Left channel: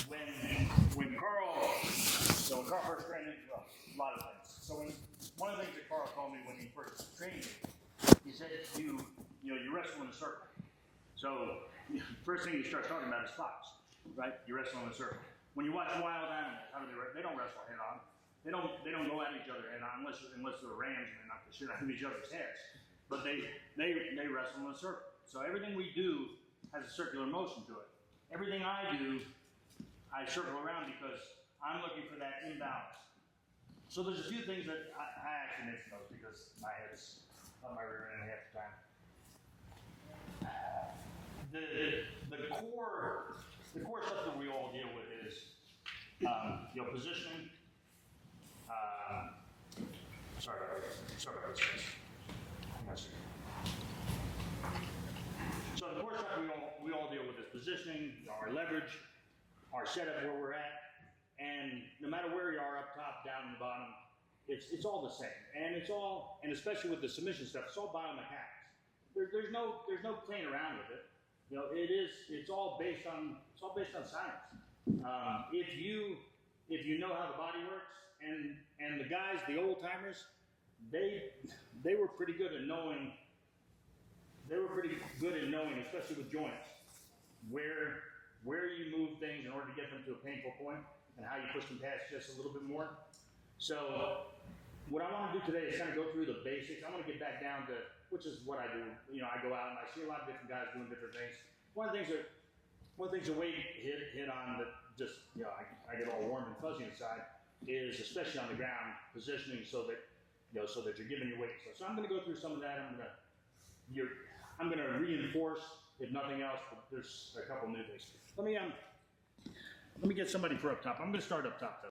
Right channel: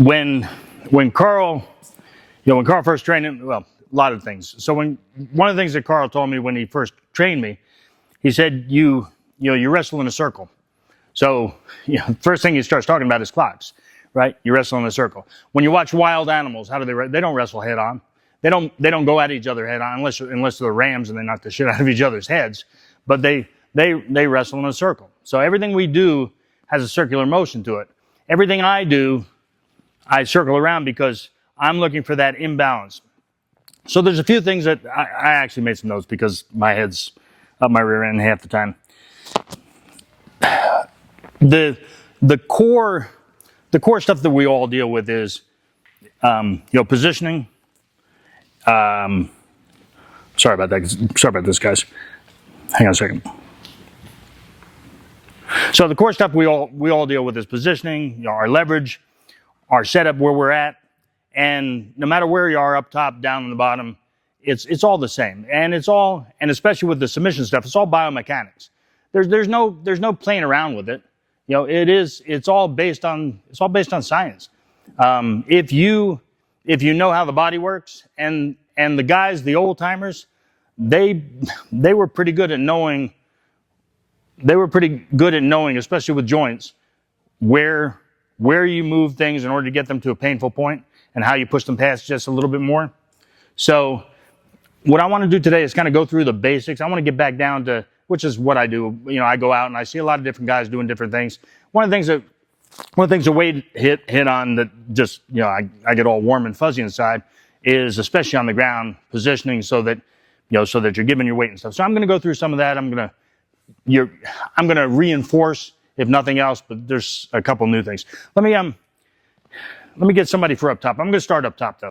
when Carl first trained him, well, a lot of things. So one of the things that Carl told me when he first trained me, he said, you wrestle in a circle. So, first thing he starts talking about is clocks, right? You wrestle in a circle. When you watch wild animals, how do they don't wrestle head on. They don't go at each other head on unless they're rams and they knock the shit out of each other's heads. But they wrestle in a circle. So everything we do has a circular motion to it. Everything I do, I circle around because I'm looking for that imbalance. So there's a few things that I actually made some notes because my head's up my rear end half the time. The core stuff that we all deal with is positioning. Sorry about that. Sorry about this, guys. Hang on a second. So the core stuff we all deal with is positioning, our leverage, our setup where we're at, and no matter where you are, up top, down on the bottom, it's all the same. And especially with the submission stuff, it's all biomechanics. There's no playing around with it. It's all based on science. If you know how the body works, and the guys, the old timers, they were pretty good at knowing. They were pretty good at knowing, especially with joints, where you move things in order to get them to a painful point, and how you push them past just a little bit more. So what I want to do today is kind of go through the basics. I want to get back down to, which is what I do. I go out and I see a lot of different guys doing different things. One of the things that Wade hit on that just, I get all warm and fuzzy inside is, especially on the ground, positioning so that you're giving your weight and stuff. So I'm going to go through some of that. I'm going to reinforce, if nothing else, but there's a couple new things. Let me get somebody for up top. I'm going to start up top though.